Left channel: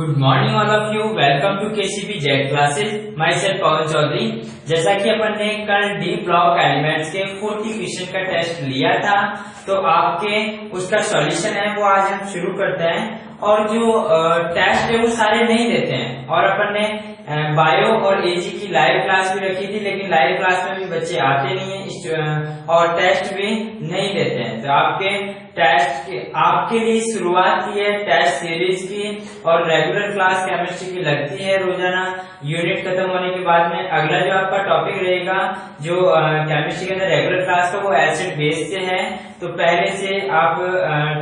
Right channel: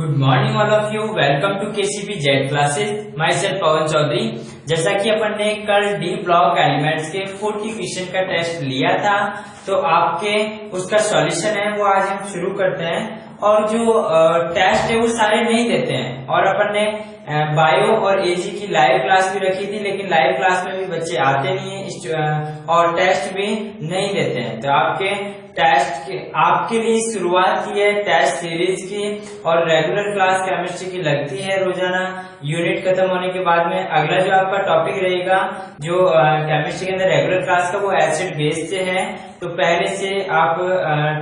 Good morning all of you. Welcome to KCP Z classes. Myself Pawan Chaudhary. जैसा कि अपन ने कल डी ब्लॉक एलिमेंट्स के 40 क्वेश्चन का टेस्ट लिया था, तो आपके उसका सॉल्यूशन है वो आज हम शुरू करते हैं। और जो टेस्ट है वो सारे नहीं देते हैं, और अपन ने बायो और एजी की लाइव क्लास भी रखी थी, लेकिन लाइव क्लास में भी बच्चे आते नहीं है और टेस्ट भी नहीं देते हैं। तो आपके टेस्ट के आपके लिए शुरुआत की है टेस्ट सीरीज की, और रेगुलर क्लास केमिस्ट्री की लगती है रोजाना। यूनिट खत्म होने के बाद में अगला जो आपका टॉपिक रहेगा जो केमिस्ट्री के अंदर रेगुलर क्लास का, वो एसिड बेस से है। तो पहले से आप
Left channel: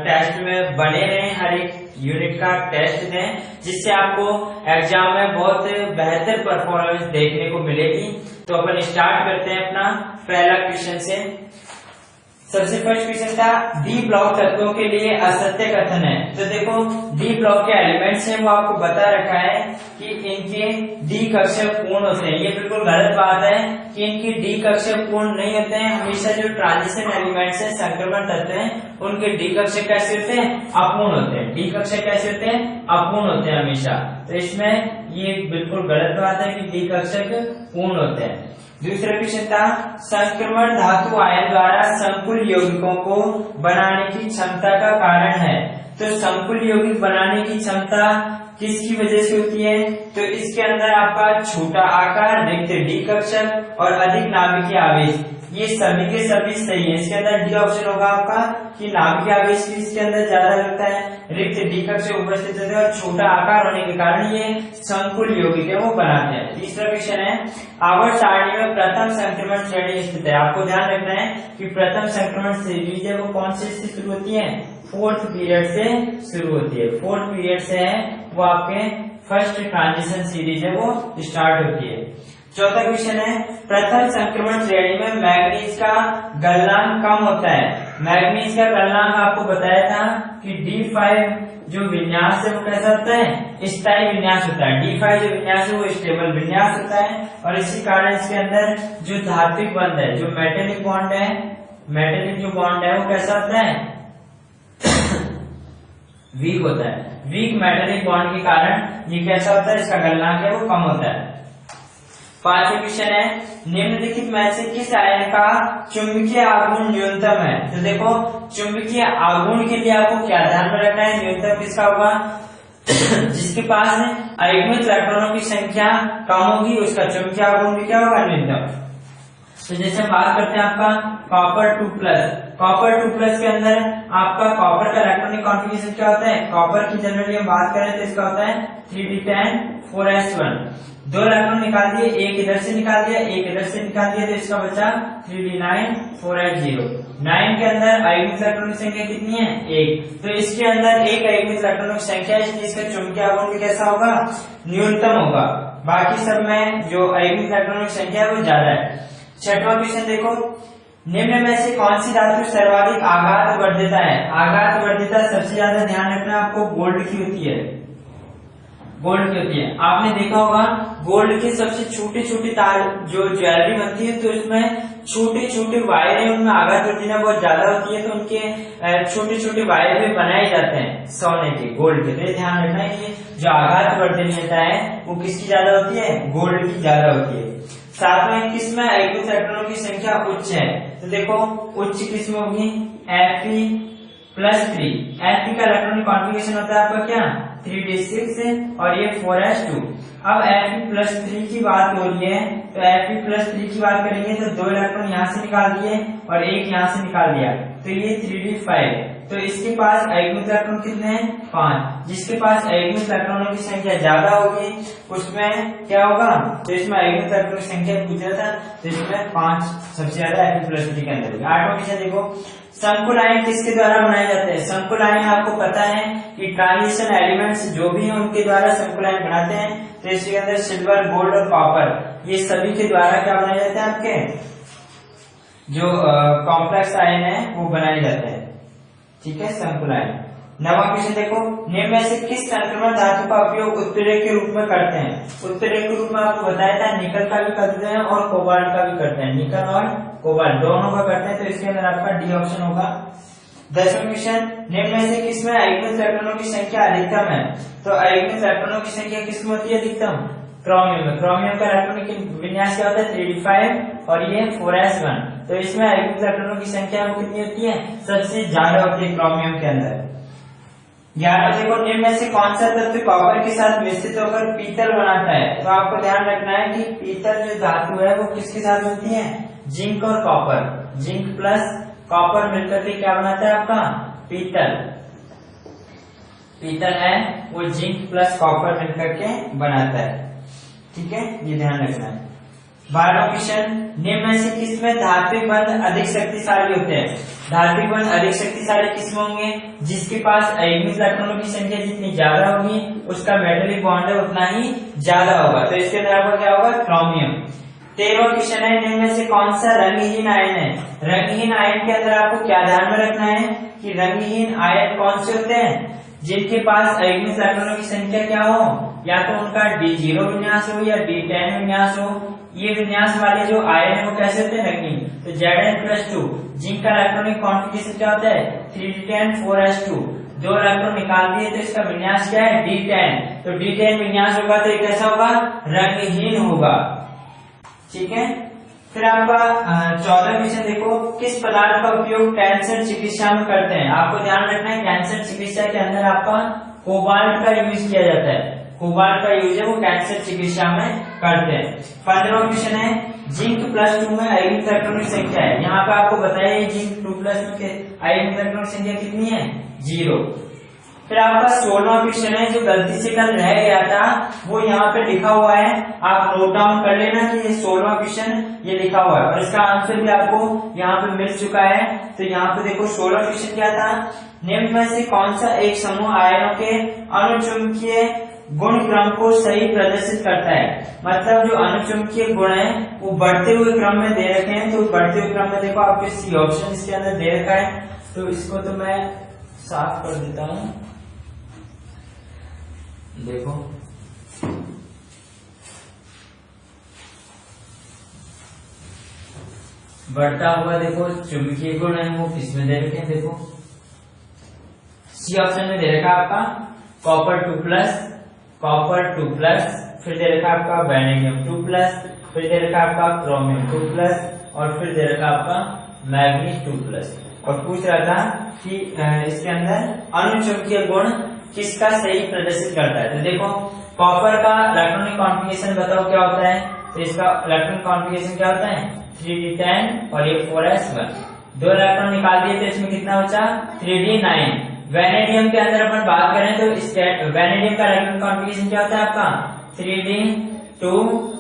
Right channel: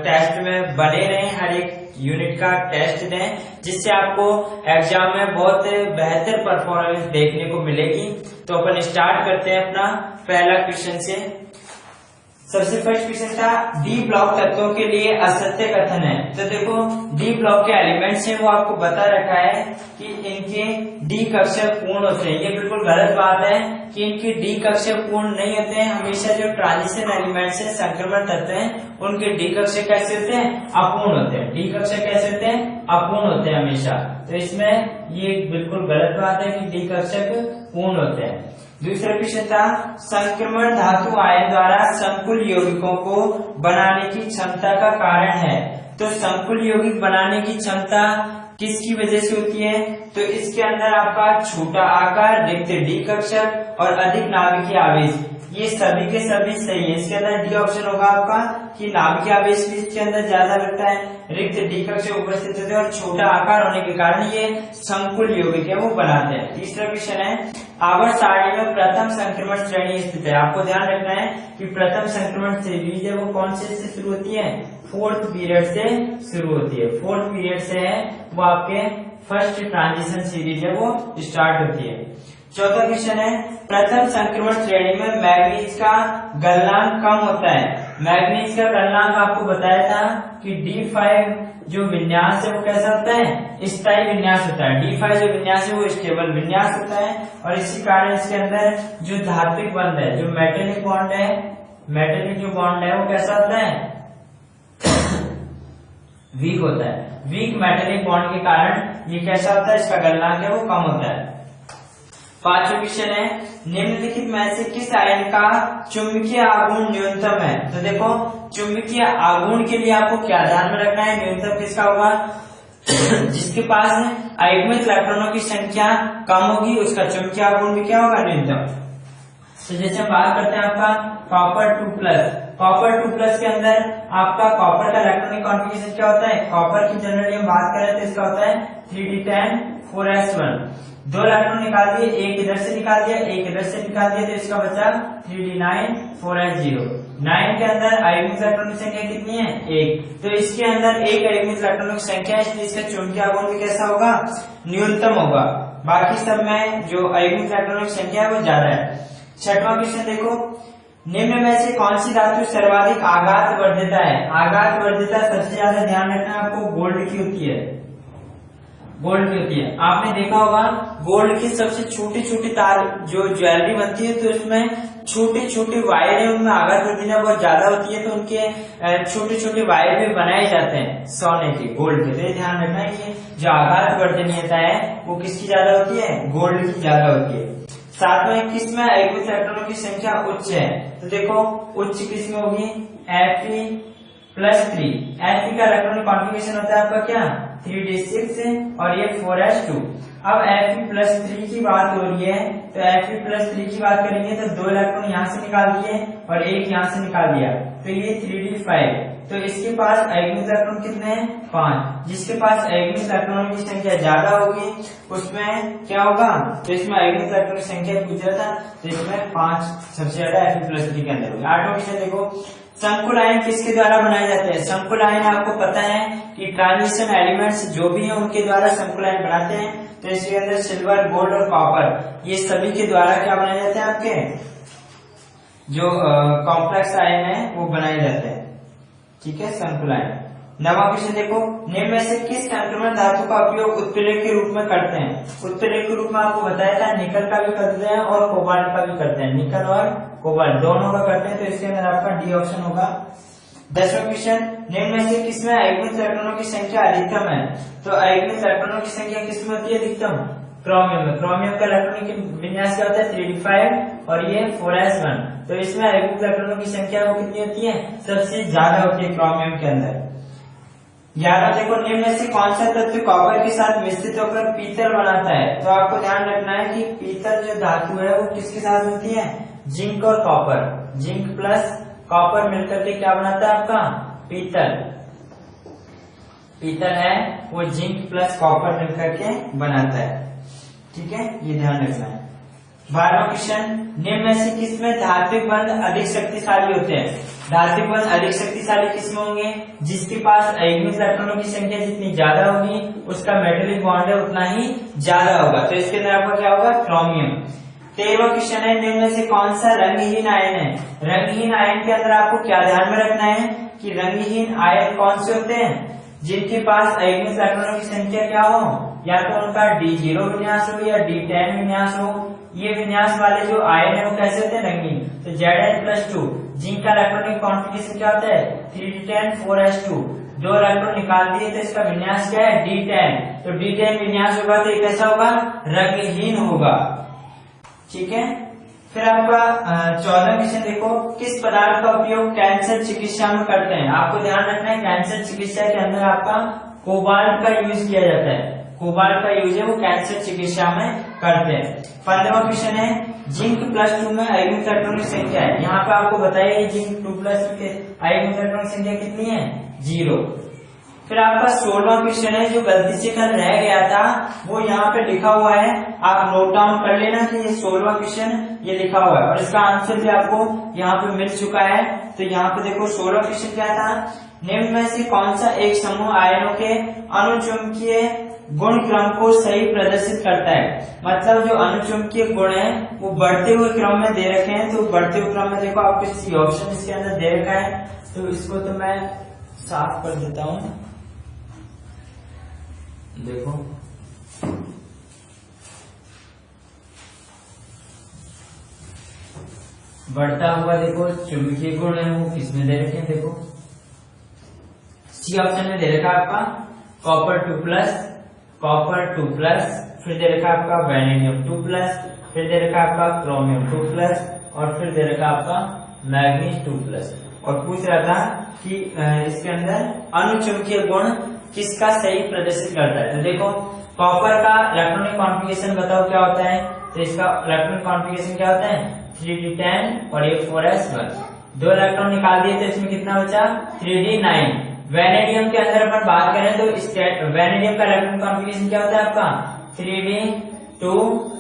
टेस्ट में बने रहें, हर एक यूनिट का टेस्ट दें, जिससे आपको एग्जाम में बहुत बेहतर परफॉर्मेंस देखने को मिलेगी। तो अपन स्टार्ट करते हैं अपना पहला क्वेश्चन से। सबसे फर्स्ट क्वेश्चन था डी ब्लॉक तत्वों के लिए असत्य कथन है। तो देखो डी ब्लॉक के एलिमेंट्स हैं वो आपको बता रखा है कि इनके डी कक्षक पूर्ण होते हैं। ये बिल्कुल गलत बात है कि इनके डी कक्षक पूर्ण नहीं होते हैं। हमेशा जो ट्रांजिशन एलिमेंट्स है, संक्रमण तत्व हैं, उनके डी कक्षक कैसे होते हैं? अपूर्ण होते हैं। डी कक्षक कैसे होते हैं? अपूर्ण होते हैं हमेशा। तो इसमें ये बिल्कुल गलत बात है कि डी कक्षक पूर्ण होते हैं। दूसरा क्वेश्चन था संक्रमण धातु आयन द्वारा संकुल यौगिकों को बनाने की क्षमता का कारण है। तो संकुल यौगिक बनाने की क्षमता किसकी वजह से होती है? तो इसके अंदर आपका छोटा आकार, रिक्त डी कक्षक और अधिक नाभिकीय आवेश, ये सभी के सभी सही है। इसके अंदर डी ऑप्शन होगा आपका कि नाभिकीय आवेश भी इसके अंदर ज्यादा लगता है, रिक्त डी कक्षक उपस्थित होते हैं और छोटा आकार होने के कारण ये संकुल यौगिक है वो बनाते हैं। तीसरा क्वेश्चन है आवर्त सारणी में प्रथम संक्रमण श्रेणी स्थित है। आपको ध्यान रखना है कि प्रथम संक्रमण श्रेणी है वो कौन से से शुरू होती है? फोर्थ पीरियड से शुरू होती है। फोर्थ पीरियड से है वो आपके फर्स्ट ट्रांजिशन सीरीज है वो स्टार्ट होती है। चौथा क्वेश्चन है प्रथम संक्रमण श्रेणी में मैग्नीज का गलनांक कम होता है। मैग्नीज का गलनांक आपको बताया था कि D5 जो विन्यास है वो कैसा होता है? स्थायी विन्यास होता है। D5 जो विन्यास है वो स्टेबल विन्यास होता है, और इसी कारण इसके अंदर जो धात्विक बंध है, जो मेटेलिक बॉन्ड है, मेटेलिक जो बॉन्ड है वो कैसा होता है? वीक होता है। वीक मेटेलिक बॉन्ड के कारण ये कैसा होता है? इसका गलनांक है वो कम होता है। पांचवा क्वेश्चन है निम्नलिखित में से किस आयन का चुंबकीय आघूर्ण न्यूनतम है? तो देखो चुंबकीय आघूर्ण के लिए आपको क्या ध्यान में रखना है? न्यूनतम किसका होगा? जिसके पास आयुग्मिक इलेक्ट्रॉनों की संख्या कम होगी उसका चुंबकीय आघूर्ण भी क्या होगा? न्यूनतम। तो जैसे बात करते हैं आपका कॉपर 2+। कॉपर 2+ के अंदर आपका कॉपर का इलेक्ट्रॉनिक कॉन्फ़िगरेशन क्या होता है? कॉपर की जनरली हम बात करें तो इसका होता है 3d10 4s1। दो इलेक्ट्रॉन निकाल दिए, एक इधर से निकाल दिया, एक इधर से निकाल दिया, तो इसका बचा 3d9 4s0। 9 के अंदर आयुग्मिक इलेक्ट्रॉन की संख्या कितनी है? 1। तो इसके अंदर एक आयुग्मिक इलेक्ट्रॉन की संख्या है, इसलिए इसका चुंबकीय आघूर्ण भी कैसा होगा? न्यूनतम होगा। बाकी सब में जो आयुग्मिक इलेक्ट्रॉन की संख्या है वो ज्यादा है। छठवां क्वेश्चन देखो निम्न में से कौन सी धातु सर्वाधिक आघात वर्धिता है? आघात वर्धिता सबसे ज्यादा ध्यान रखना आपको गोल्ड की होती है। गोल्ड की होती है। आपने देखा होगा गोल्ड की सबसे छोटी छोटी तार जो ज्वेलरी बनती है, तो उसमें छोटे छोटे वायर है, उनमें आघात वर्धिता बहुत ज्यादा होती है, तो उनके छोटे छोटे वायर भी बनाए जाते हैं सोने के, गोल्ड के। तो ध्यान रखना है कि जो आघात वर्धनीयता है वो किसकी ज्यादा होती है? गोल्ड की ज्यादा होती है। सातवें किसमें आयुग्मिक इलेक्ट्रॉनों की संख्या उच्च है? तो देखो उच्च किसमें होगी? Fe+3। Fe का इलेक्ट्रॉनिक कॉन्फ़िगरेशन होता है आपका क्या? 3d6 और ये 4s2। अब Fe+3 की बात हो रही है, तो Fe+3 की बात करेंगे तो दो इलेक्ट्रॉन यहाँ से निकाल दिए और एक यहाँ से निकाल दिया, तो ये 3d5। तो इसके पास आयुग्मिक इलेक्ट्रॉन कितने हैं? 5। जिसके पास आयुग्मिक इलेक्ट्रॉनों की संख्या ज्यादा होगी उसमें क्या होगा? तो इसमें आयुग्मिक इलेक्ट्रॉन की संख्या पूछा था, तो इसमें 5 सबसे ज्यादा Fe+3 के अंदर होगी। आठवां क्वेश्चन देखो संकुल आयन किसके द्वारा बनाए जाते हैं? संकुल आयन आपको पता है कि ट्रांजिशन एलिमेंट्स जो भी है उनके द्वारा संकुल आयन बनाते हैं। तो इसके अंदर सिल्वर, गोल्ड और कॉपर, ये सभी के द्वारा क्या बनाए जाते हैं? आपके जो कॉम्प्लेक्स आयन है वो बनाए जाते हैं। ठीक है, संकुल आयन। नवा क्वेश्चन देखो निम्न में से किस संक्रमण धातु का उपयोग उत्प्रेरक के रूप में करते हैं? उत्प्रेरक के रूप में आपको बताया था निकल का भी करते हैं और कोबाल्ट का भी करते हैं। निकल और कोबाल्ट दोनों का करते हैं, तो इसके अंदर आपका डी ऑप्शन होगा। 10वां क्वेश्चन निम्न में से किसमें आयुग्मित इलेक्ट्रॉनों की संख्या अधिकतम है? तो आयुग्मित इलेक्ट्रॉनों की संख्या किसमें होती है अधिकतम? क्रोमियम में। क्रोमियम का इलेक्ट्रॉनिक विन्यास क्या होता है? 3d5 और ये 4s1। तो इसमें आयुग्मित इलेक्ट्रॉनों की संख्या वो कितनी होती है? सबसे ज्यादा होती है क्रोमियम के अंदर। 11 देखो, निम्न में से कौन सा तत्व कॉपर के साथ मिश्रित होकर पीतल बनाता है? तो आपको ध्यान रखना है कि पीतल जो धातु है वो किसके साथ मिलती है? जिंक और कॉपर। जिंक प्लस कॉपर मिलकर के क्या बनाता है आपका? पीतल। पीतल है वो जिंक प्लस कॉपर मिलकर के बनाता है। ठीक है, ये ध्यान रखना है। 12वां क्वेश्चन, निम्न में से किसमें धात्विक बंध अधिक शक्तिशाली होते हैं? धात्विक बंध अधिक शक्तिशाली किसमें होंगे? जिसके पास आयुग्मित इलेक्ट्रॉनों की संख्या जितनी ज्यादा होगी उसका मेटेलिक बॉन्ड उतना ही ज्यादा होगा। तो इसके अंदर आपका क्या होगा? क्रोमियम। 13वां क्वेश्चन है, निम्न में से कौन सा रंगहीन आयन है? रंगहीन आयन के अंदर आपको क्या ध्यान में रखना है कि रंगहीन आयन कौन से होते हैं? जिनके पास आयुग्मित इलेक्ट्रॉनों की संख्या क्या हो? या तो उनका D0 विन्यास हो या D10 विन्यास हो। ये विन्यास वाले जो आयन है वो कैसे होते हैं? रंगीन। तो Zn+2, जिंक का इलेक्ट्रॉनिक कॉन्फ़िगरेशन क्या होता है? 3d10 4s2। 2 इलेक्ट्रॉन निकाल दिए तो इसका विन्यास क्या है? D10। तो D10 विन्यास होगा तो ये कैसा होगा? रंगहीन होगा। ठीक है, फिर आपका 14वां क्वेश्चन देखो, किस पदार्थ का उपयोग कैंसर चिकित्सा में करते हैं? आपको ध्यान रखना है कैंसर चिकित्सा के अंदर आपका कोबाल्ट का यूज किया जाता है। कोबाल्ट का यूज है वो कैंसर चिकित्सा में करते हैं। 15वां क्वेश्चन है, जिंक +2 में आयुग्मित इलेक्ट्रॉनों की संख्या है। यहाँ पे आपको बताइए जिंक 2+2 के आयुग्मित इलेक्ट्रॉनों की संख्या कितनी है? 0। फिर आपका 16वां क्वेश्चन है, जो गलती से कल रह गया था वो यहाँ पे लिखा हुआ है, आप नोट डाउन कर लेना कि ये 16वां क्वेश्चन ये लिखा हुआ है और इसका आंसर भी आपको यहाँ पे मिल चुका है। तो यहाँ पे देखो 16वां क्वेश्चन क्या था? निम्न में से कौन सा एक समूह आयनों के अनुचुंबकीय गुण क्रम को सही प्रदर्शित करता है? मतलब जो अनुचुंबकीय गुण है वो बढ़ते हुए क्रम में दे रखे हैं। तो बढ़ते हुए क्रम में देखो आपको सी ऑप्शन इसके अंदर दे रखा है, तो इसको तो मैं साफ कर देता हूँ। देखो बढ़ता हुआ देखो चुंबकीय गुण है वो किसमें दे रखे हैं? देखो सी ऑप्शन में दे रखा आपका कॉपर 2+, कॉपर 2+, फिर दे रखा आपका वैनेडियम 2+, फिर दे रखा आपका क्रोमियम 2+, और फिर दे रखा आपका मैग्नीज 2+। और पूछ रहा था कि इसके अंदर अनुचुंबकीय गुण किसका सही प्रदर्शित करता है? तो देखो कॉपर का इलेक्ट्रॉनिक कॉन्फ़िगरेशन बताओ क्या होता है? तो इसका इलेक्ट्रॉनिक कॉन्फ़िगरेशन क्या होता है? 3d10 और ये 4s1। 2 इलेक्ट्रॉन निकाल दिए तो इसमें कितना बचा? 3d9। वैनेडियम के अंदर अपन बात करें तो वैनेडियम का इलेक्ट्रॉनिक कॉन्फ़िगरेशन क्या होता है आपका? 3d2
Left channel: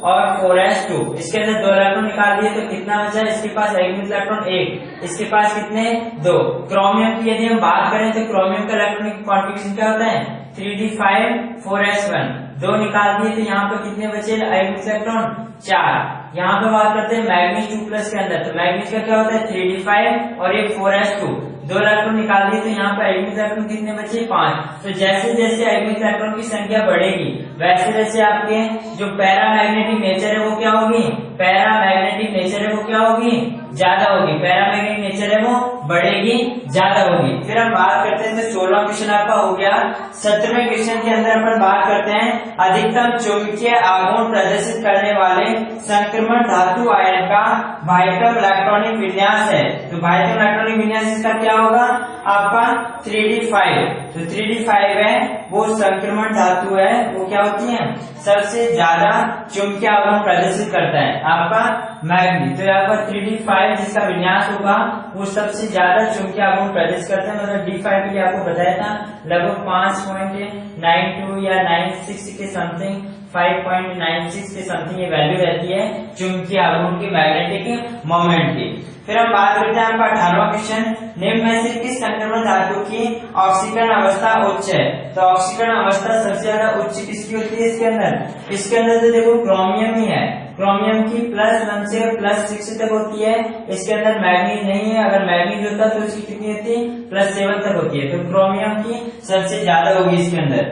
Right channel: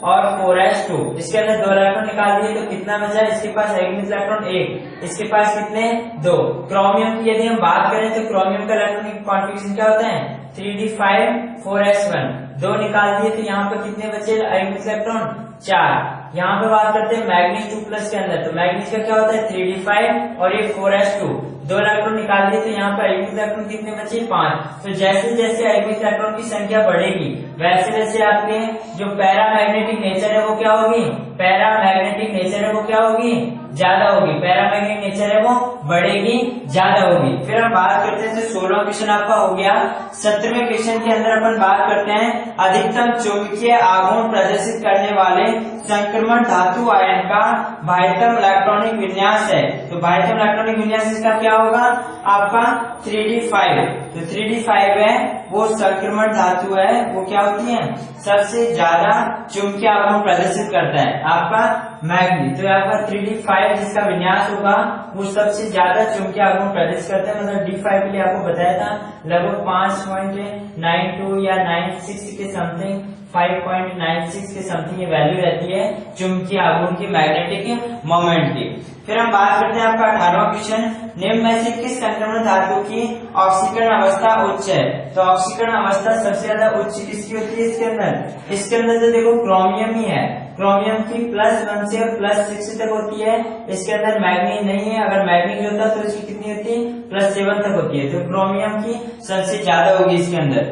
और 4s2। इसके अंदर 2 इलेक्ट्रॉन निकाल दिए तो कितना बचा? इसके पास आयुग्मित इलेक्ट्रॉन 1, इसके पास कितने? 2। क्रोमियम की यदि हम बात करें तो क्रोमियम का इलेक्ट्रॉनिक कॉन्फ़िगरेशन क्या होता है? 3d5 4s1। 2 निकाल दिए तो यहाँ पे कितने बचे आयुग्मित इलेक्ट्रॉन? 4। यहाँ पे बात करते हैं मैग्नीज 2+ के अंदर, तो मैग्नीज का क्या होता है? 3d5 और ये 4s2। 2 इलेक्ट्रॉन निकाल दिए तो यहाँ पे आयुग्मित इलेक्ट्रॉन कितने बचे? 5। तो जैसे जैसे आयुग्मित इलेक्ट्रॉन की संख्या बढ़ेगी वैसे वैसे आपके जो पैरामैग्नेटिक नेचर है वो क्या होगी? पैरामैग्नेटिक नेचर है वो क्या होगी? ज्यादा होगी। पैरामैग्नेटिक नेचर है वो बढ़ेगी, ज्यादा होगी। फिर हम बात करते हैं, तो 16वां क्वेश्चन आपका हो गया। 17वें क्वेश्चन के अंदर अपन बात करते हैं अधिकतम चुंबकीय आघूर्ण प्रदर्शित करने वाले संक्रमण धातु आयन का बाह्यतम इलेक्ट्रॉनिक विन्यास है। तो बाह्यतम इलेक्ट्रॉनिक विन्यास इसका क्या होगा? आपका 3d5। तो 3d5 है वो संक्रमण धातु है, वो क्या होती है? सबसे ज्यादा चुंबकीय आघूर्ण प्रदर्शित करता है आपका मैग्नीज। तो आपका 3d5 जिसका विन्यास होगा वो सबसे ज्यादा चुंबकीय आघूर्ण प्रदर्शित करता है। मतलब d5 के लिए आपको बताया था लगभग 5.92 या 96 के समथिंग, 5.96 के समथिंग ये वैल्यू रहती है चुंबकीय आघूर्ण की, मैग्नेटिक मोमेंट की। फिर हम बात करते हैं आपका 18वां क्वेश्चन, निम्न में से किस संक्रमण धातु की ऑक्सीकरण अवस्था उच्च है? तो ऑक्सीकरण अवस्था सबसे ज्यादा उच्च किसकी होती है इसके अंदर? इसके अंदर तो देखो क्रोमियम ही है। क्रोमियम की +1 से +6 तक होती है। इसके अंदर मैग्नीज नहीं है। अगर मैग्नीज होता तो इसकी कितनी होती? +7 तक होती है। तो क्रोमियम की सबसे ज्यादा होगी इसके अंदर।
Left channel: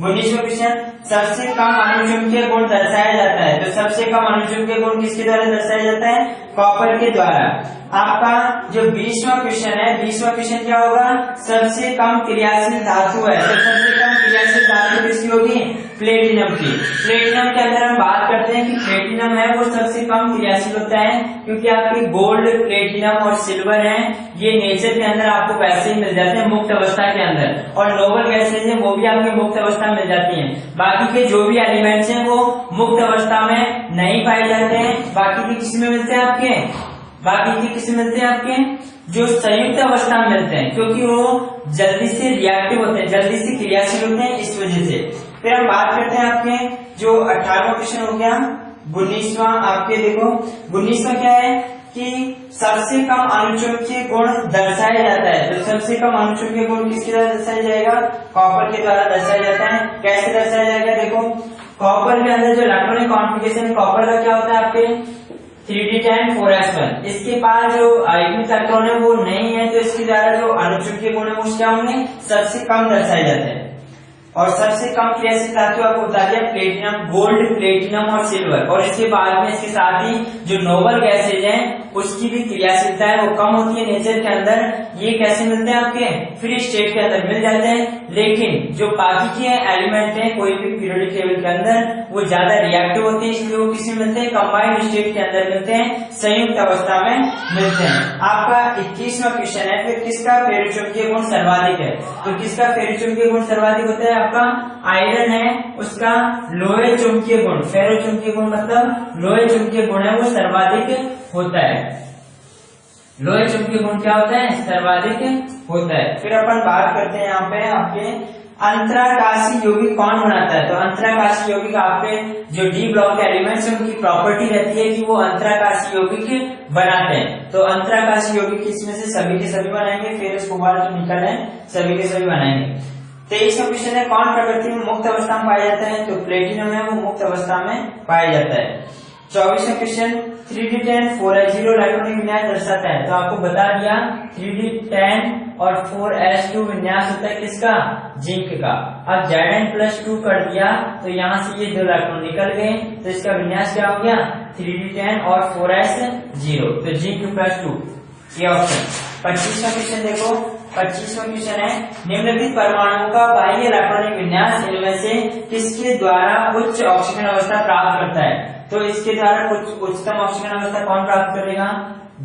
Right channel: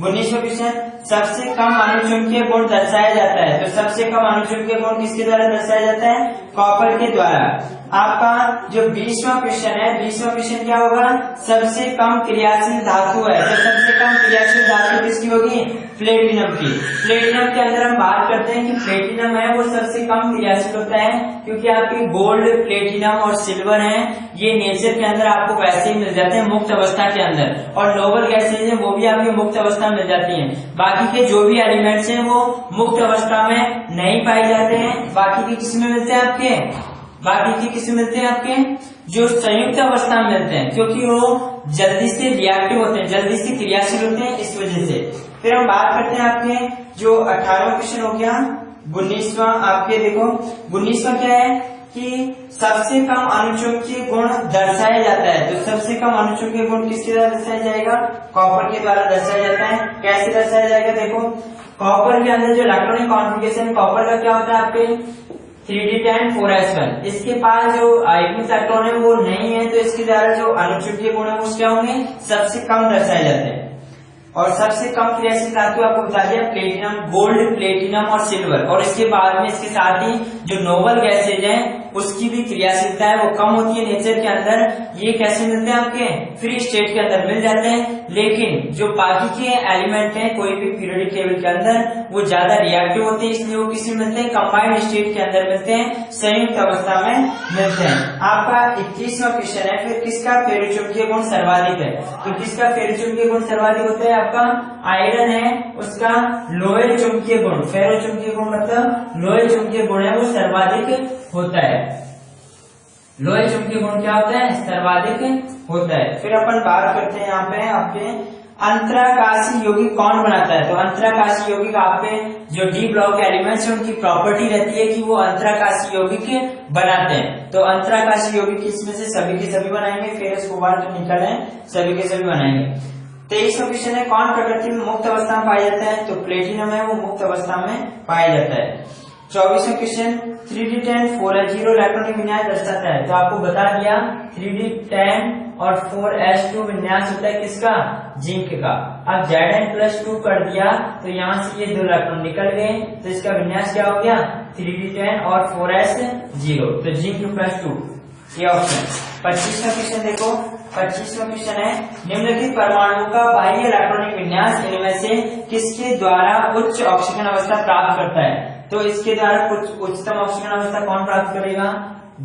19वां क्वेश्चन, सबसे कम अनुचुंबकीय गुण दर्शाया जाता है। तो सबसे कम अनुचुंबकीय गुण किसके द्वारा दर्शाया जाता है? कॉपर के द्वारा। आपका जो 20वां क्वेश्चन है, 20वां क्वेश्चन क्या होगा, सबसे कम क्रियाशील धातु है, तो सबसे कम क्रियाशील धातु किसकी होगी, प्लेटिनम की। प्लेटिनम के अंदर हम बात करते हैं कि प्लेटिनम है वो सबसे कम क्रियाशील होता है, क्योंकि आपके गोल्ड, प्लेटिनम और सिल्वर है ये नेचर के अंदर आपको वैसे ही मिल जाते हैं मुक्त अवस्था के अंदर, और नोबल गैसेज है वो भी आपके मुक्त अवस्था में मिल जाती हैं। बाकी के जो भी एलिमेंट्स हैं वो मुक्त अवस्था में नहीं पाए जाते हैं। बाकी के किस में मिलते हैं आपके, बाकी के किस में मिलते हैं आपके, जो संयुक्त अवस्था में मिलते हैं, क्योंकि वो जल्दी से रिएक्टिव होते हैं, जल्दी से क्रियाशील होते हैं, इस वजह से। फिर हम बात करते हैं आपके जो 18वां क्वेश्चन हो गया, 19वां आपके देखो 19वां क्या है कि सबसे कम अणुचुंबकीय गुण दर्शाया जाता है। तो सबसे कम अणुचुंबकीय गुण किसके द्वारा दर्शाया जाएगा, कॉपर के द्वारा दर्शाया जाता है। कैसे दर्शाया जाएगा, देखो कॉपर के अंदर जो इलेक्ट्रॉनिक कॉन्फ़िगरेशन कॉपर का क्या होता है आपके 3d10 4s1, इसके पास जो आयनिक इलेक्ट्रॉन है वो नहीं है, तो इसके द्वारा जो अणुचुंबकीय गुण है वो क्या होंगे, सबसे कम दर्शाए जाते हैं। और सबसे कम क्रियाशील धातु आपको बता दिया प्लेटिनम, गोल्ड, प्लेटिनम और सिल्वर। और इसके बाद में इसके साथ ही जो नोबल गैसेज हैं उसकी भी क्रियाशीलता है वो कम होती है नेचर के अंदर। ये कैसे मिलते हैं आपके फ्री स्टेट के अंदर मिल जाते हैं, लेकिन जो बाकी के एलिमेंट हैं कोई भी पीरियोडिक टेबल के अंदर वो ज्यादा रिएक्टिव होते हैं, इसलिए वो किसी मिलते हैं, कंबाइंड स्टेट के अंदर मिलते हैं, संयुक्त अवस्था में मिलते हैं। आपका 21वां क्वेश्चन है फिर किसका फेरोचुंबकीय गुण सर्वाधिक है, तो किसका फेरोचुंबकीय गुण सर्वाधिक होता है, आपका आयरन है उसका लोहे चुंबकीय गुण, फेरोचुंबकीय गुण मतलब लोहे चुंबकीय गुण है वो सर्वाधिक होता है। लोहे चुंबकीय गुण क्या होता है, सर्वाधिक होता है। फिर अपन बात करते हैं यहाँ पे आपके अंतराकाशी यौगिक कौन बनाता है, तो अंतराकाशी यौगिक आपके जो डी ब्लॉक एलिमेंट्स है उनकी प्रॉपर्टी रहती है कि वो अंतराकाशी यौगिक बनाते हैं। तो अंतराकाशी यौगिक इसमें से सभी के सभी बनाएंगे, फेरस कोबाल्ट जो निकल है सभी के सभी बनाएंगे। 23वां क्वेश्चन है कौन प्रकृति में मुक्त अवस्था में पाया जाता है, तो प्लेटिनम है वो मुक्त अवस्था में पाया जाता है। 24वां क्वेश्चन 3d10 4s0 इलेक्ट्रॉनिक विन्यास दर्शाता है, तो आपको बता दिया 3d10 और 4s2 विन्यास होता है किसका, जिंक का। अब Zn+2 कर दिया तो यहाँ से ये 2 इलेक्ट्रॉन निकल गए, तो इसका विन्यास क्या हो गया 3d10 और 4s0, तो जिंक+2 ये ऑप्शन। 25वां क्वेश्चन देखो, 25वां क्वेश्चन है निम्नलिखित परमाणु का बाह्य इलेक्ट्रॉनिक विन्यास इनमें से किसके द्वारा उच्च ऑक्सीजन अवस्था प्राप्त करता है, तो इसके द्वारा कुछ उच्चतम ऑक्सीजन अवस्था कौन प्राप्त करेगा,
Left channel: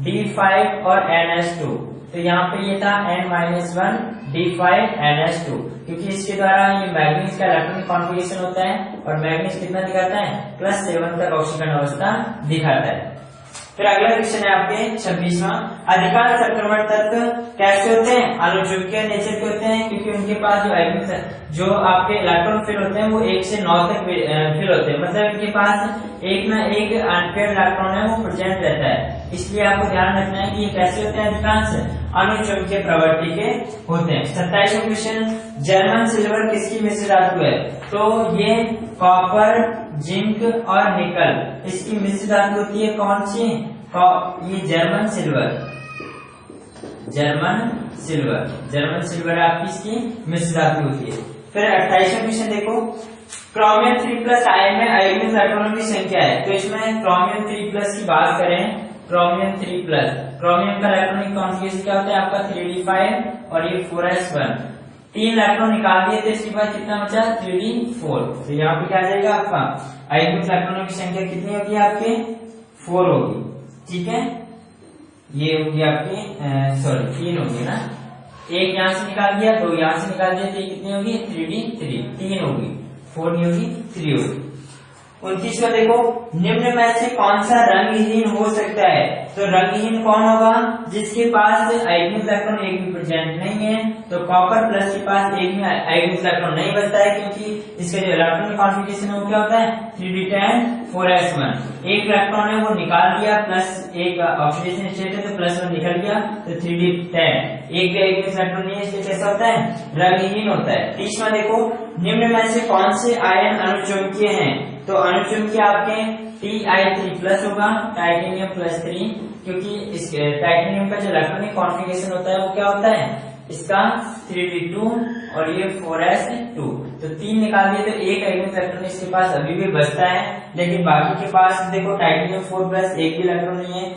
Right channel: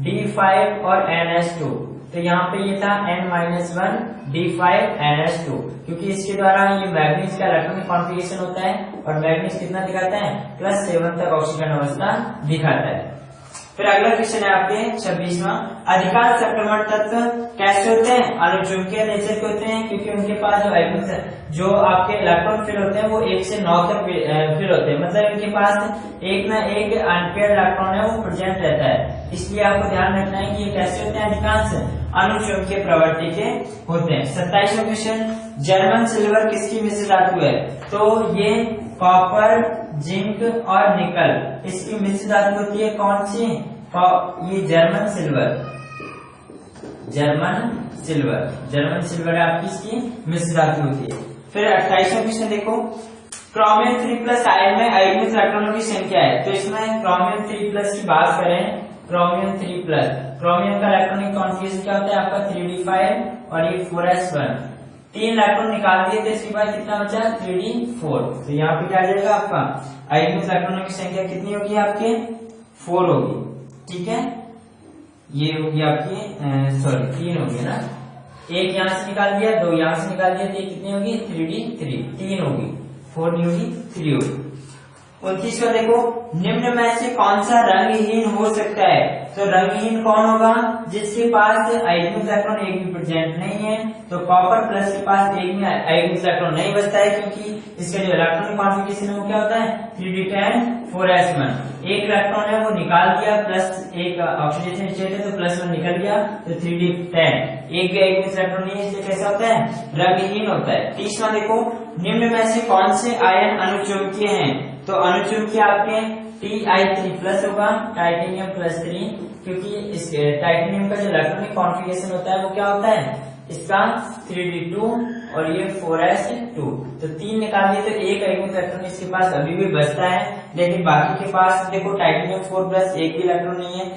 D5 और NH2। तो यहाँ पे ये था N-1 D5 NH2, क्योंकि इसके द्वारा ये मैग्नीज का इलेक्ट्रॉनिक कॉन्फ़िगरेशन होता है, और मैग्नीज कितना दिखाता है +7 तक ऑक्सीजन अवस्था दिखाता है। फिर अगला क्वेश्चन है आपके 26वां, अधिकांश संक्रमण तत्व कैसे होते हैं, अणुचुंबकीय नेचर के होते हैं, क्योंकि उनके पास जो आपके इलेक्ट्रॉन फिल होते हैं वो 1 से 9 तक फिल होते हैं, मतलब इनके पास एक ना एक अनपेयर्ड इलेक्ट्रॉन है वो प्रेजेंट रहता है। इसलिए आपको ध्यान रखना है कि ये कैसे होते हैं, अधिकांश अणुचुंबकीय प्रवृत्ति के होते हैं। 27वां क्वेश्चन, जर्मन सिल्वर किसकी मिश्र धातु है, तो ये कॉपर, जिंक और निकल इसकी मिश्र धातु होती है, कौन सी, ये जर्मन सिल्वर, जर्मन सिल्वर आपकी इसकी मिश्र धातु होती है। फिर 28वां क्वेश्चन देखो, क्रोमियम 3+ आयन में आयोनिक इलेक्ट्रॉनों की संख्या है, तो इसमें क्रोमियम 3+ की बात करें, क्रोमियम 3+, क्रोमियम का इलेक्ट्रॉनिक कॉन्फ़िगरेशन क्या होता है आपका 3d5 और ये 4s1, 3 इलेक्ट्रॉन निकाल दिए तो इसके बाद कितना बचा 3d4, तो यहाँ पे क्या आ जाएगा आपका आयोनिक इलेक्ट्रॉनों की संख्या कितनी होगी आपके 4 होगी, ठीक है। ये होगी आपकी 3 होगी ना, एक यहाँ से निकाल दिया, 2 यहाँ से निकाल दिया, तो ये कितनी होगी 3d3, 3 होगी, 4 नहीं होगी 3 होगी। 29वां देखो, निम्न में से कौन सा रंगहीन हो सकता है, तो रंगहीन कौन होगा, जिसके पास आयोनिक इलेक्ट्रॉन एक भी प्रेजेंट नहीं है, तो कॉपर प्लस के पास एक भी आयोनिक इलेक्ट्रॉन नहीं बचता है, क्योंकि इसका जो इलेक्ट्रॉनिक कॉन्फ़िगरेशन है वो क्या होता है 3d10 4s1, एक इलेक्ट्रॉन है वो निकाल दिया, प्लस एक ऑक्सीडेशन स्टेट है तो +1 निकल गया, तो 3d10, एक भी आयोनिक इलेक्ट्रॉन नहीं है, इसलिए कैसा होता है रंगहीन होता है। 30वां देखो, निम्न में से कौन से आयन अणुचुंबकीय हैं, तो अणुचुंबकीय आपके Ti3+ होगा, टाइटेनियम +3, क्योंकि इस टाइटेनियम का जो इलेक्ट्रॉनिक कॉन्फ़िगरेशन होता है वो क्या होता है इसका 3d2 और ये 4s2, तो 3 निकाल दिए तो एक आयोनिक इलेक्ट्रॉन इसके पास अभी भी बचता है, लेकिन बाकी के पास देखो टाइटेनियम 4+, एक भी इलेक्ट्रॉन नहीं है,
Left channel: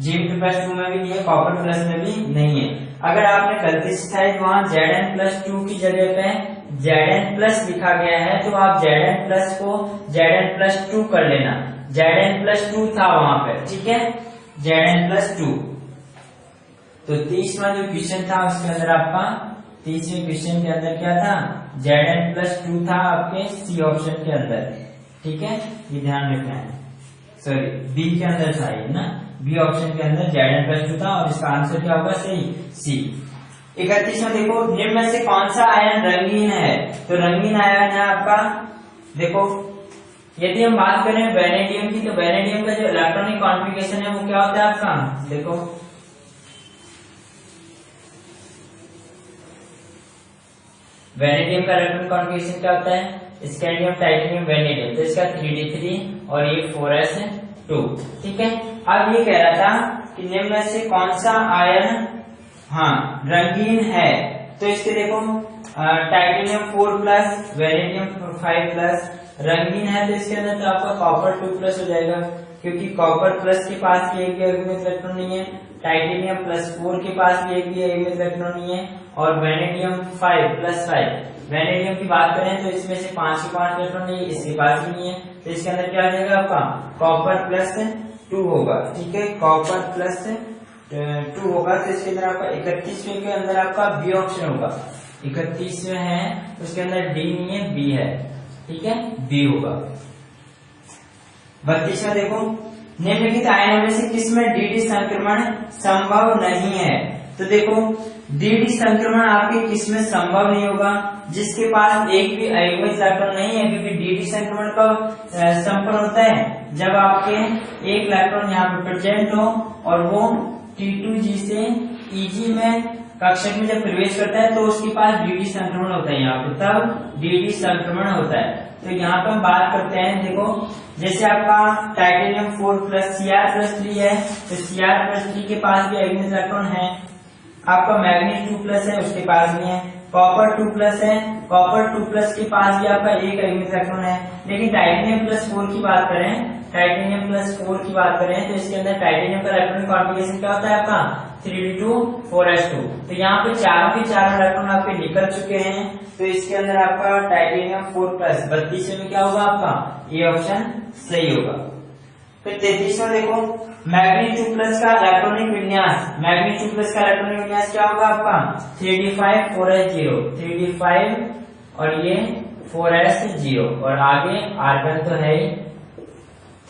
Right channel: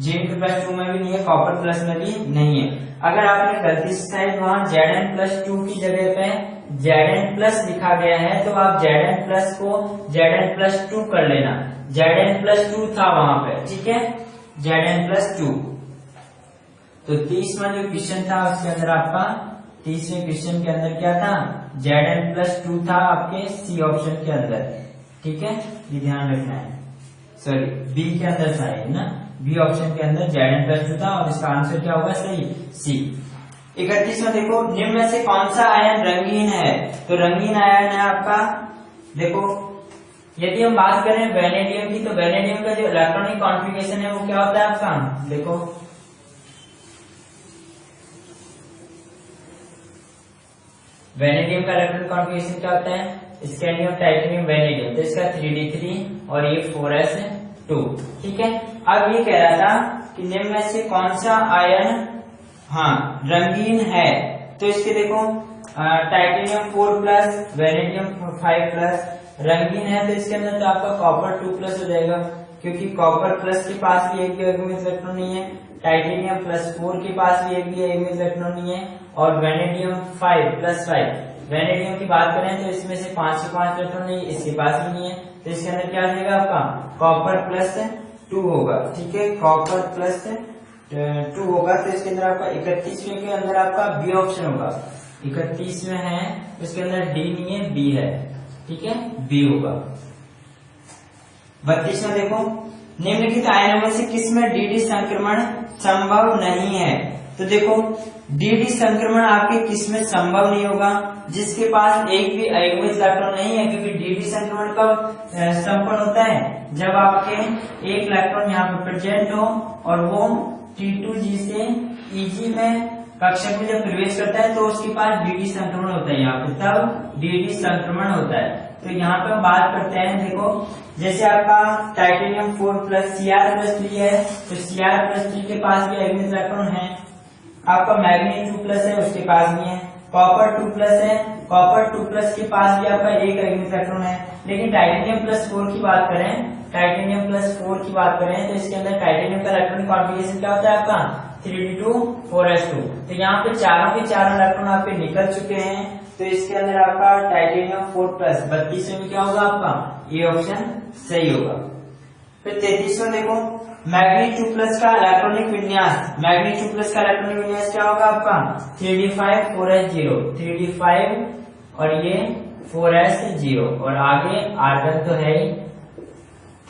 Zn+2 में भी नहीं है, कॉपर प्लस में भी नहीं है। अगर आपने गलती से शायद वहां Zn+2 की जगह पे Zn+ लिखा गया है तो आप Zn+ को Zn+2 कर लेना। Zn+2 था वहां पे, ठीक है, Zn+2। तो 30वां जो क्वेश्चन था उसके अंदर आपका 30वें क्वेश्चन के अंदर क्या था, Zn+2 था आपके सी ऑप्शन के अंदर, ठीक है, ये ध्यान रखना है। सॉरी, बी के अंदर था ये ना, बी ऑप्शन के अंदर Zn+2 था और इसका आंसर क्या होगा, सही, सी। 31वां देखो, निम्न में से कौन सा आयन रंगीन है, तो रंगीन आयन है आपका, देखो यदि हम बात करें वेनेडियम की, तो वेनेडियम का जो इलेक्ट्रॉनिक कॉन्फ़िगरेशन है वो क्या होता है आपका, देखो वेनेडियम का इलेक्ट्रॉनिक कॉन्फ़िगरेशन क्या होता है, स्कैंडियम टाइटेनियम वेनेडियम, तो इसका 3d3 और ये 4s2, ठीक है। अब ये कह रहा था कि निम्न में से कौन सा आयन रंगीन है, तो इसके देखो टाइटेनियम 4+, वेनेडियम 5+ रंगीन है, तो इसके अंदर तो आपका कॉपर 2+ हो जाएगा, क्योंकि कॉपर प्लस के पास भी एक भी अगमित इलेक्ट्रॉन नहीं है, टाइटेनियम +4 के पास भी एक भी अगमित इलेक्ट्रॉन नहीं है, और वेनेडियम 5+5, वेनेडियम की बात करें तो इसमें से 5 के 5 इलेक्ट्रॉन नहीं, इसके पास भी नहीं है, तो इसके अंदर क्या हो जाएगा आपका कॉपर +2 होगा, ठीक है, कॉपर +2 होगा, तो इसके अंदर आपका 31वें के अंदर आपका बी ऑप्शन होगा, 31वें है उसके अंदर डी नहीं है, बी है, ठीक है, बी होगा। 32वां देखो, निम्नलिखित आयनों में से किसमें डी संक्रमण संभव नहीं है, तो देखो डी संक्रमण आपके किसमें संभव नहीं होगा, जिसके पास एक भी अयुग्मित इलेक्ट्रॉन नहीं है, क्योंकि डी संक्रमण कब संपन्न होता है, जब आपके एक इलेक्ट्रॉन यहाँ पर प्रेजेंट हो और वो T2G से Eg में कक्षक में जब प्रवेश करता है तो उसके पास डी संक्रमण होता है, यहाँ पे तब डी संक्रमण होता है। तो यहाँ पे हम बात करते हैं, देखो जैसे आपका टाइटेनियम 4+ Cr+3 है, तो Cr+3 के पास भी अयुग्मित इलेक्ट्रॉन है, आपका मैग्नीज 2+ है उसके पास भी है, कॉपर 2+ है, कॉपर 2+ के पास भी आपका एक अयुग्मित इलेक्ट्रॉन है, लेकिन टाइटेनियम +4 की बात करें, टाइटेनियम +4 की बात करें तो इसके अंदर टाइटेनियम का इलेक्ट्रॉनिक कॉन्फ़िगरेशन क्या होता है आपका 3d2 4s2, तो यहाँ पे चारों के चारों इलेक्ट्रॉन आपके निकल चुके हैं, तो इसके अंदर आपका टाइटेनियम 4+, 32वें में क्या होगा आपका, ये ऑप्शन सही होगा। फिर 33वां देखो, मैग्नीज 2+ का इलेक्ट्रॉनिक विन्यास, मैग्नीज 2+ का इलेक्ट्रॉनिक विन्यास क्या होगा आपका 3d5 4s0, 3d5 और ये 4s0, और आगे आर्गन तो है ही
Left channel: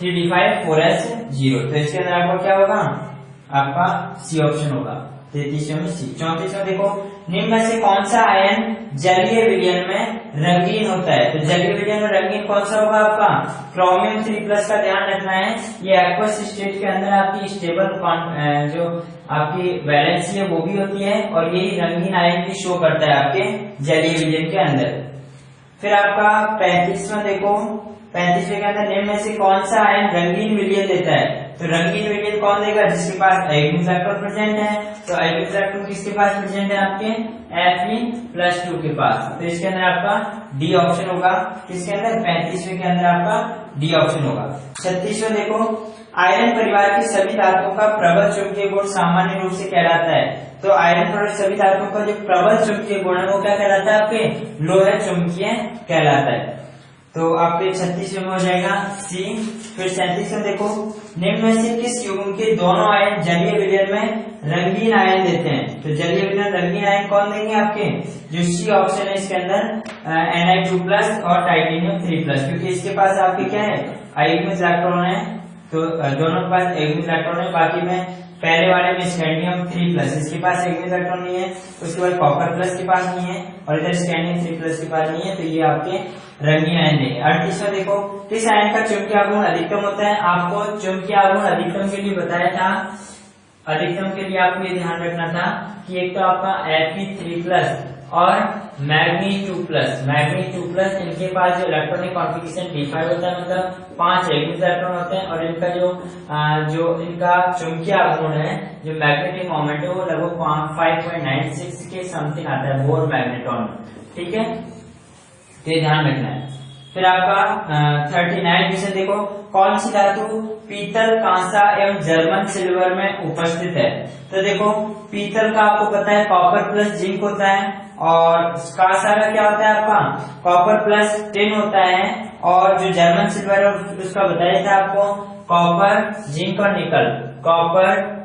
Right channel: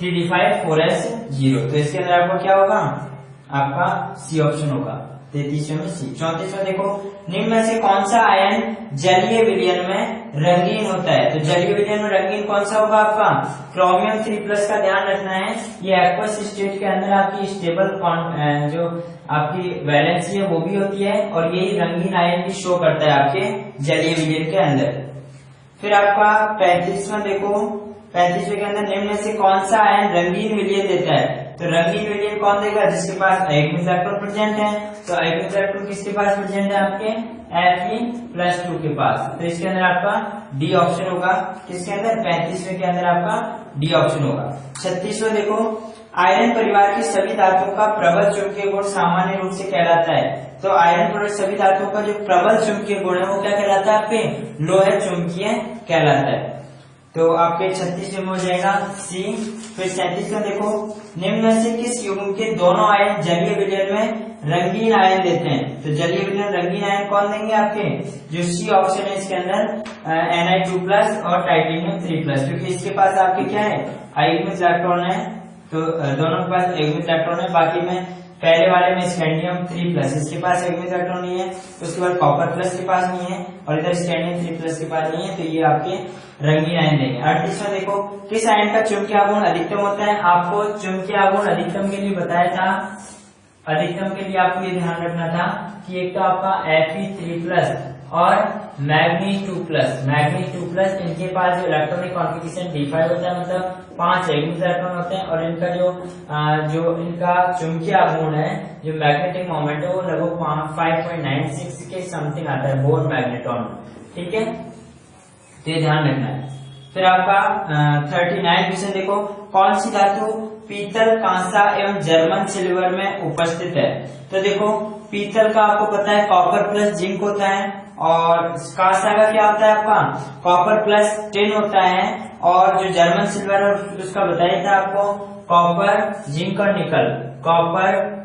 3d5 4s0, तो इसके अंदर आपका क्या होगा, आपका सी ऑप्शन होगा, 33वें में सी। 34वां देखो, निम्न में से कौन सा आयन जलीय विलयन में रंगीन होता है, तो जलीय विलयन में रंगीन कौन सा होगा आपका क्रोमियम 3+ का ध्यान रखना है, ये एक्वस स्टेट के अंदर आपकी स्टेबल जो आपकी वैलेंसी है वो भी होती है, और यही रंगीन आयन भी शो करता है आपके जलीय विलयन के अंदर। फिर आपका 35वां देखो, 35वें के अंदर निम्न में से कौन सा आयन रंगीन विलयन देता है, तो रंगीन विलयन कौन देगा, जिसके पास अयुग्मित इलेक्ट्रॉन प्रेजेंट है, तो अयुग्मित इलेक्ट्रॉन किसके पास प्रेजेंट है आपके Fe+2 के पास, तो इसके अंदर आपका डी ऑप्शन होगा, किसके अंदर 35वें के अंदर आपका डी ऑप्शन होगा। 36वां देखो, आयरन परिवार की सभी धातुओं का प्रबल चुंबकीय गुण सामान्य रूप से कहलाता है, तो आयरन परिवार सभी धातुओं का जो प्रबल चुंबकीय गुण है वो क्या कहलाता है आपके लोह चुंबकीय कहलाता है, तो आपके 36वें में हो जाएगा सी। फिर 37वां देखो, निम्न में से किस युग्म के दोनों आयन जलीय विलयन में रंगीन आयन देते हैं, तो जलीय विलयन रंगीन आयन कौन देंगे आपके, जो सी ऑप्शन है इसके अंदर Ni2+ और टाइटेनियम 3+, क्योंकि इसके पास आपके क्या है अयुग्मित इलेक्ट्रॉन है, तो दोनों के पास अयुग्मित इलेक्ट्रॉन है, बाकी में पहले वाले में स्कैंडियम 3+, इसके पास अयुग्मित इलेक्ट्रॉन नहीं है, उसके बाद कॉपर प्लस के पास नहीं है, और इधर स्कैंडियम 3+ के पास नहीं है, तो ये आपके रंगीन आयन देंगे। 38वां देखो, किस आयन का चुंबकीय आघूर्ण अधिकतम होता है, आपको चुंबकीय आघूर्ण अधिकतम के लिए बताया था, अधिकतम के लिए आपको ये ध्यान रखना था कि एक तो आपका Fe3+ और मैग्नीज 2+, मैग्नीज 2+, इनके पास जो इलेक्ट्रॉनिक कॉन्फ़िगरेशन D5 होता है, मतलब 5 अयुग्मित इलेक्ट्रॉन होते हैं, और इनका जो इनका चुंबकीय आघूर्ण है, जो मैग्नेटिक मोमेंट है वो लगभग 5.96 के समथिंग आता है बोर मैग्नेट्रॉन, ठीक है, तो ध्यान रखना है। फिर आपका 39 क्वेश्चन देखो, कौन सी धातु पीतल, कांसा एवं जर्मन सिल्वर में उपस्थित है? तो देखो पीतल का आपको पता है कॉपर प्लस जिंक होता है, और कांसा का क्या होता है आपका कॉपर प्लस टिन होता है, और जो जर्मन सिल्वर है उसका बताया था आपको कॉपर, जिंक और निकल। कॉपर,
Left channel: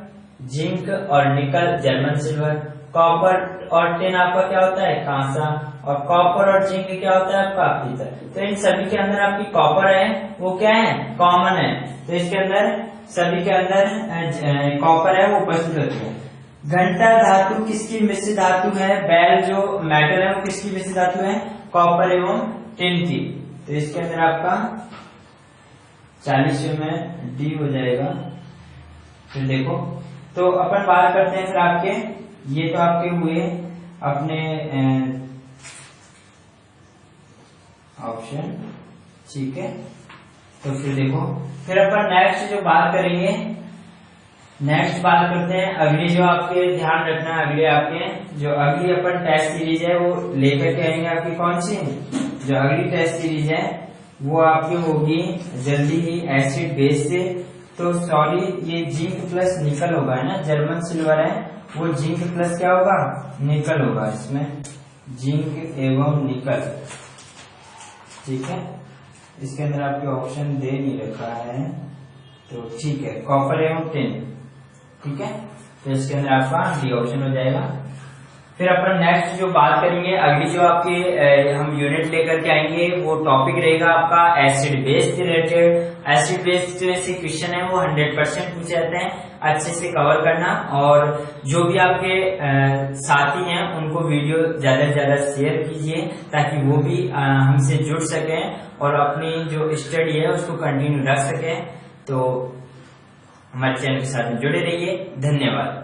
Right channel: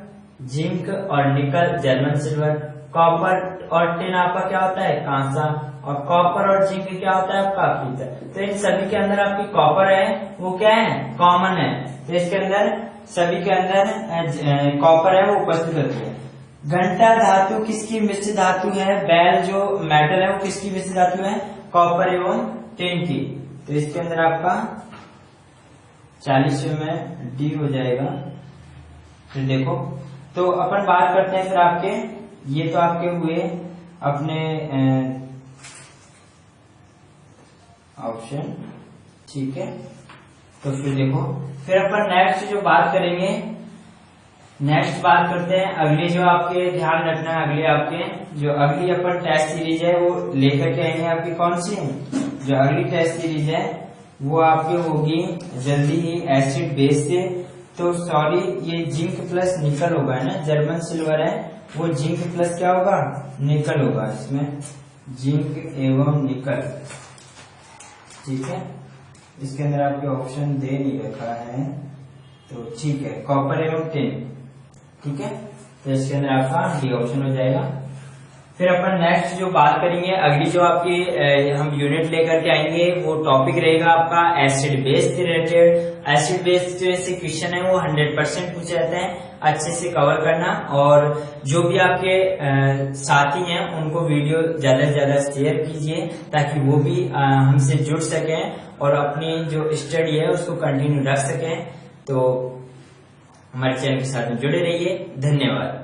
जिंक और निकल जर्मन सिल्वर, कॉपर और टिन आपका क्या होता है कांसा, और कॉपर और जिंक क्या होता है आपका पीतल। तो इन सभी के अंदर आपकी कॉपर है वो क्या है कॉमन है, तो इसके अंदर सभी के अंदर कॉपर है वो उपस्थित होती है। घंटा धातु किसकी मिश्र धातु है? बैल जो मेटल है वो किसकी मिश्र धातु है? कॉपर एवं टिन की। तो इसके अंदर आपका 40 में डी हो जाएगा। फिर देखो तो अपन बात करते हैं फिर आपके, ये तो आपके हुए अपने ऑप्शन, ठीक है। तो फिर देखो फिर अपन नेक्स्ट जो बात करेंगे, नेक्स्ट बात करते हैं अगली, जो आपके ध्यान रखना है अगले आपके जो अगली अपन टेस्ट सीरीज है वो लेकर के आएंगे। आपकी कौन सी जो अगली टेस्ट सीरीज है वो आपकी होगी जल्दी ही एसिड बेस से। तो सॉरी ये जिंक प्लस निकल होगा है ना, जर्मन सिल्वर है वो जिंक प्लस क्या होगा निकल होगा, इसमें जिंक एवं निकल, ठीक है। इसके अंदर आपके ऑप्शन दे नहीं रखा है तो ठीक है, कॉपर एवं टिन, ठीक है। तो इसके अंदर आपका डी ऑप्शन हो जाएगा। फिर अपन नेक्स्ट जो बात करेंगे अगली जो आपकी हम यूनिट लेकर के आएंगे वो टॉपिक रहेगा आपका acid base related. Acid base से क्वेश्चन है वो 100% पूछे जाते हैं, अच्छे से कवर करना। और जो भी आपके साथी हैं उनको वीडियो ज्यादा से ज्यादा शेयर कीजिए ताकि वो भी हमसे जुड़ सकें और अपनी जो स्टडी है उसको कंटिन्यू रख सकें। तो हमारे चैनल के साथ जुड़े रहिए, धन्यवाद।